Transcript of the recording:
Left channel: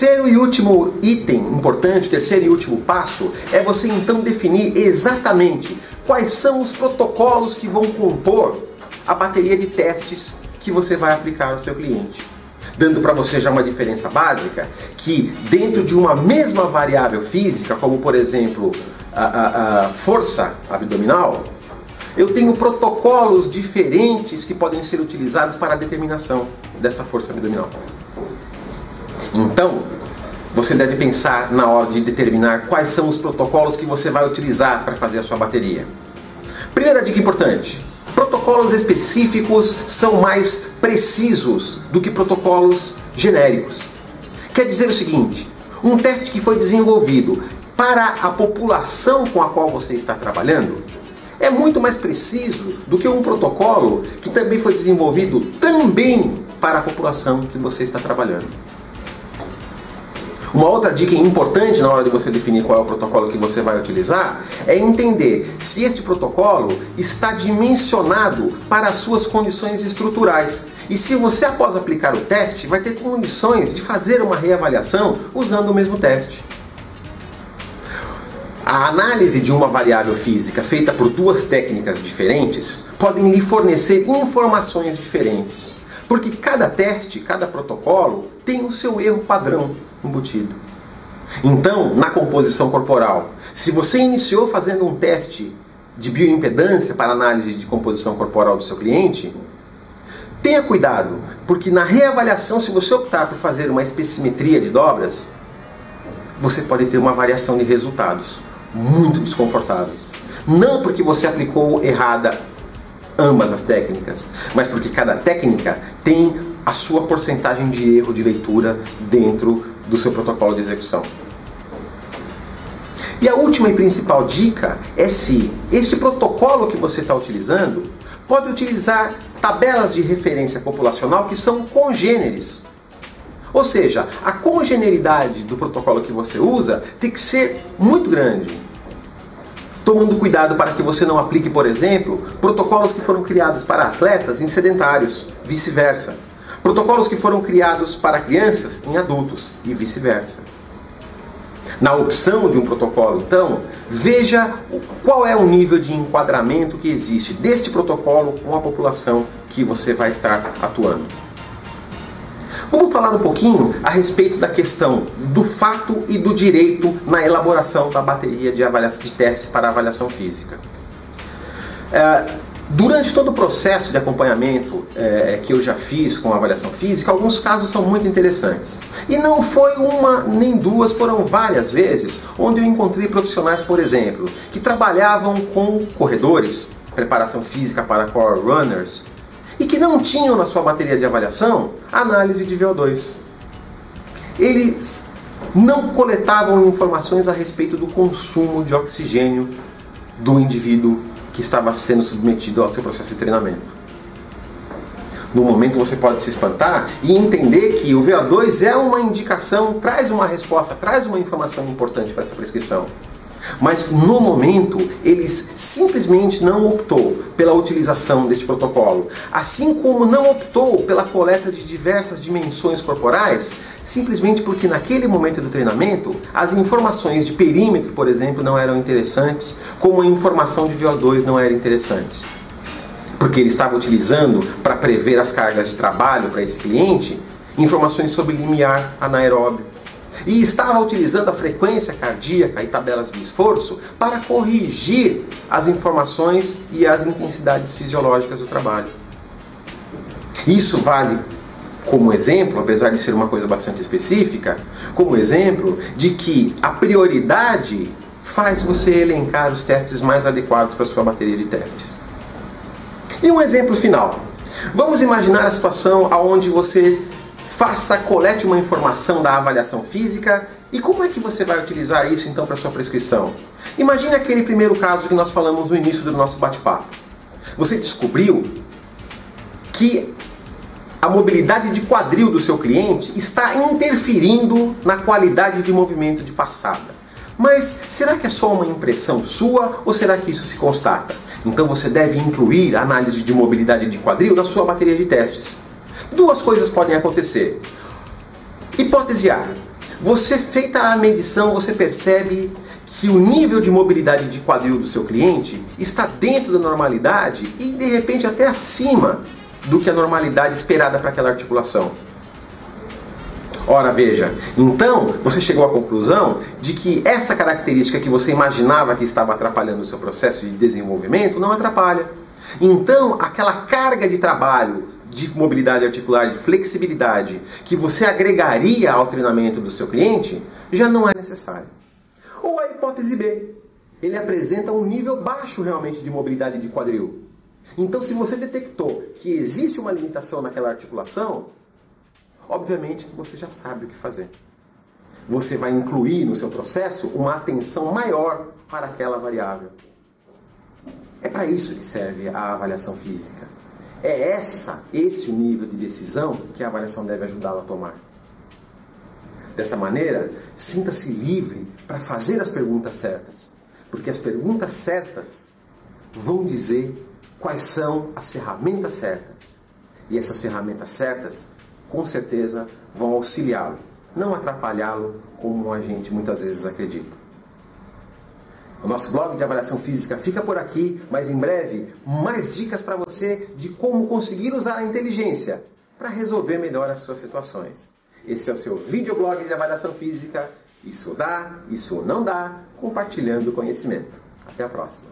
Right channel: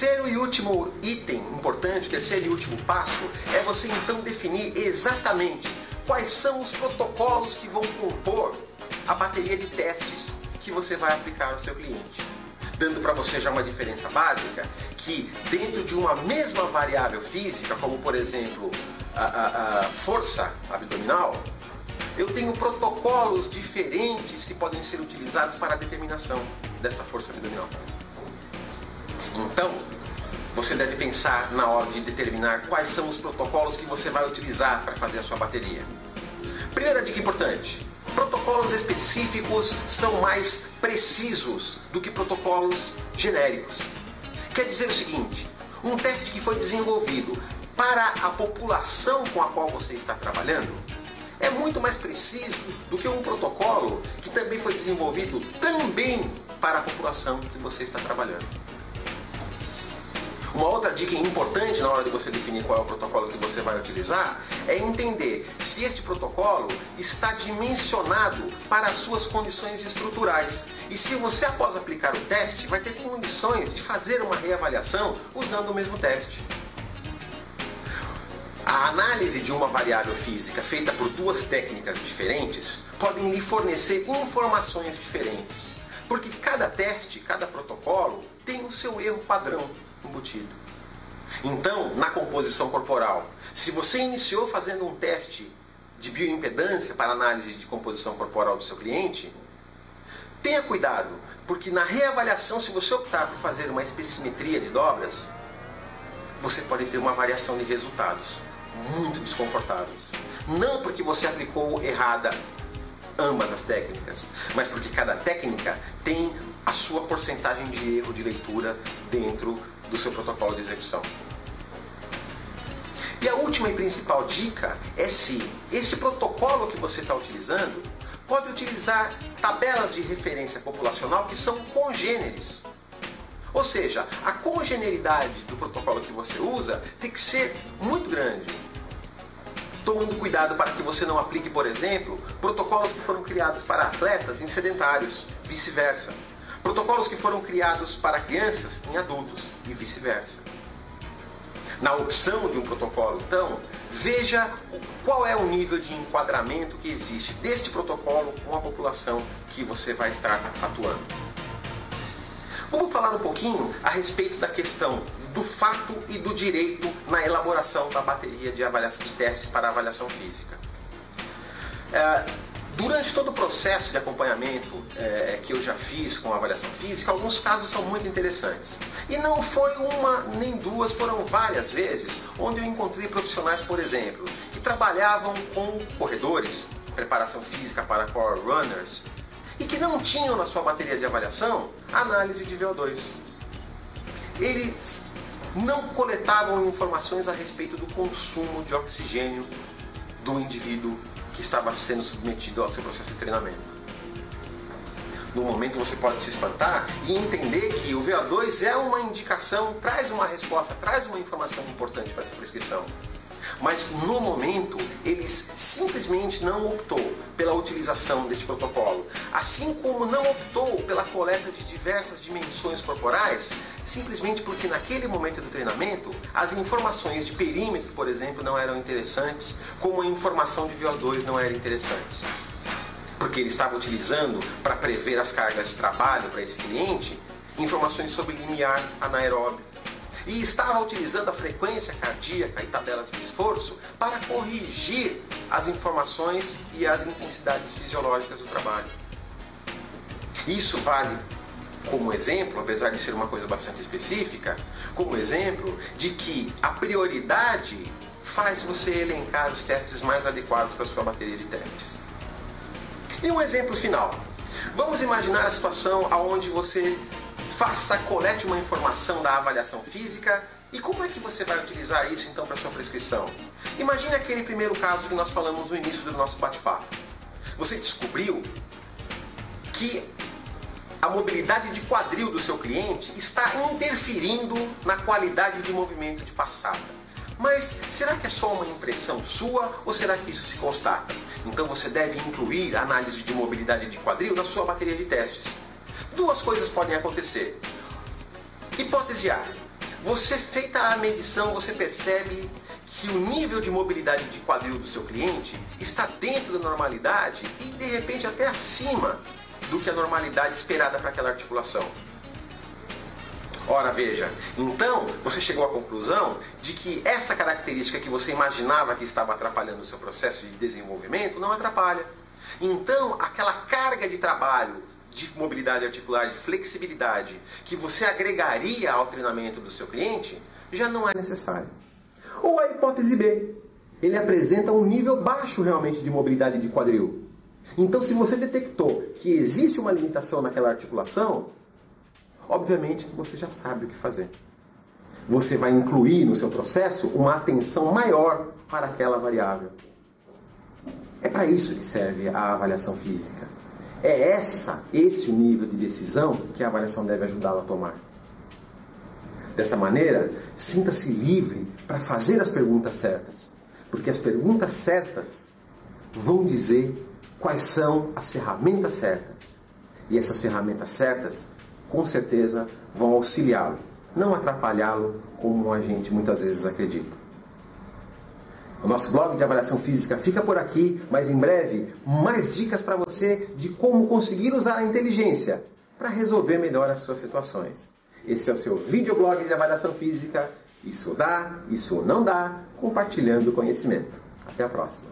Terceiro e último item importante, terceiro e último passo, é você então definir exatamente quais são os protocolos que vão compor a bateria de testes que você vai aplicar ao seu cliente. Dando para você já uma diferença básica, que dentro de uma mesma variável física, como por exemplo a força abdominal, eu tenho protocolos diferentes que podem ser utilizados para a determinação dessa força abdominal. Então, você deve pensar na hora de determinar quais são os protocolos que você vai utilizar para fazer a sua bateria. Primeira dica importante: protocolos específicos são mais precisos do que protocolos genéricos. Quer dizer o seguinte: um teste que foi desenvolvido para a população com a qual você está trabalhando é muito mais preciso do que um protocolo que também foi desenvolvido também para a população que você está trabalhando. Uma outra dica importante na hora de você definir qual é o protocolo que você vai utilizar é entender se esse protocolo está dimensionado para as suas condições estruturais. E se você, após aplicar o teste, vai ter condições de fazer uma reavaliação usando o mesmo teste. A análise de uma variável física feita por duas técnicas diferentes podem lhe fornecer informações diferentes. Porque cada teste, cada protocolo tem o seu erro padrão embutido. Então, na composição corporal, se você iniciou fazendo um teste de bioimpedância para análise de composição corporal do seu cliente, tenha cuidado, porque na reavaliação, se você optar por fazer uma espessimetria de dobras, você pode ter uma variação de resultados muito desconfortáveis. Não porque você aplicou errada ambas as técnicas, mas porque cada técnica tem a sua porcentagem de erro de leitura dentro do seu protocolo de execução. E a última e principal dica é se este protocolo que você está utilizando pode utilizar tabelas de referência populacional que são congêneres. Ou seja, a congeneridade do protocolo que você usa tem que ser muito grande. Tomando cuidado para que você não aplique, por exemplo, protocolos que foram criados para atletas em sedentários, vice-versa. Protocolos que foram criados para crianças em adultos e vice-versa. Na opção de um protocolo, então, veja qual é o nível de enquadramento que existe deste protocolo com a população que você vai estar atuando. Vamos falar um pouquinho a respeito da questão do fato e do direito na elaboração da bateria de testes para avaliação física. Durante todo o processo de acompanhamento que eu já fiz com a avaliação física, alguns casos são muito interessantes. E não foi uma nem duas, foram várias vezes onde eu encontrei profissionais, por exemplo, que trabalhavam com corredores, preparação física para core runners, e que não tinham na sua bateria de avaliação análise de VO2. Eles não coletavam informações a respeito do consumo de oxigênio do indivíduo que estava sendo submetido ao seu processo de treinamento. No momento você pode se espantar e entender que o VO2 é uma indicação, traz uma resposta, traz uma informação importante para essa prescrição. Mas no momento, eles simplesmente não optou pela utilização deste protocolo. Assim como não optou pela coleta de diversas dimensões corporais, simplesmente porque naquele momento do treinamento, as informações de perímetro, por exemplo, não eram interessantes, como a informação de VO2 não era interessante. Porque ele estava utilizando, para prever as cargas de trabalho para esse cliente, informações sobre limiar anaeróbio. E estava utilizando a frequência cardíaca e tabelas de esforço para corrigir as informações e as intensidades fisiológicas do trabalho. Isso vale como exemplo, apesar de ser uma coisa bastante específica, como exemplo de que a prioridade faz você elencar os testes mais adequados para a sua bateria de testes. E um exemplo final. Vamos imaginar a situação onde você colete uma informação da avaliação física e como é que você vai utilizar isso então para sua prescrição? Imagine aquele primeiro caso que nós falamos no início do nosso bate-papo. Você descobriu que a mobilidade de quadril do seu cliente está interferindo na qualidade de movimento de passada. Mas será que é só uma impressão sua ou será que isso se constata? Então você deve incluir a análise de mobilidade de quadril na sua bateria de testes. Duas coisas podem acontecer. Hipótese A. Você, feita a medição, você percebe que o nível de mobilidade de quadril do seu cliente está dentro da normalidade e, de repente, até acima do que a normalidade esperada para aquela articulação. Ora, veja, então você chegou à conclusão de que esta característica que você imaginava que estava atrapalhando o seu processo de desenvolvimento não atrapalha. Então, aquela carga de trabalho de mobilidade articular, de flexibilidade, que você agregaria ao treinamento do seu cliente, já não é necessária. Ou a hipótese B, ele apresenta um nível baixo realmente de mobilidade de quadril. Então, se você detectou que existe uma limitação naquela articulação, obviamente que você já sabe o que fazer. Você vai incluir no seu processo uma atenção maior para aquela variável. É para isso que serve a avaliação física. É esse o nível de decisão que a avaliação deve ajudá-lo a tomar. Dessa maneira, sinta-se livre para fazer as perguntas certas, porque as perguntas certas vão dizer quais são as ferramentas certas. E essas ferramentas certas, com certeza, vão auxiliá-lo, não atrapalhá-lo como a gente muitas vezes acredita. O nosso blog de avaliação física fica por aqui, mas em breve, mais dicas para você de como conseguir usar a inteligência para resolver melhor as suas situações. Esse é o seu videoblog de avaliação física. Isso dá, isso não dá, compartilhando conhecimento. Até a próxima.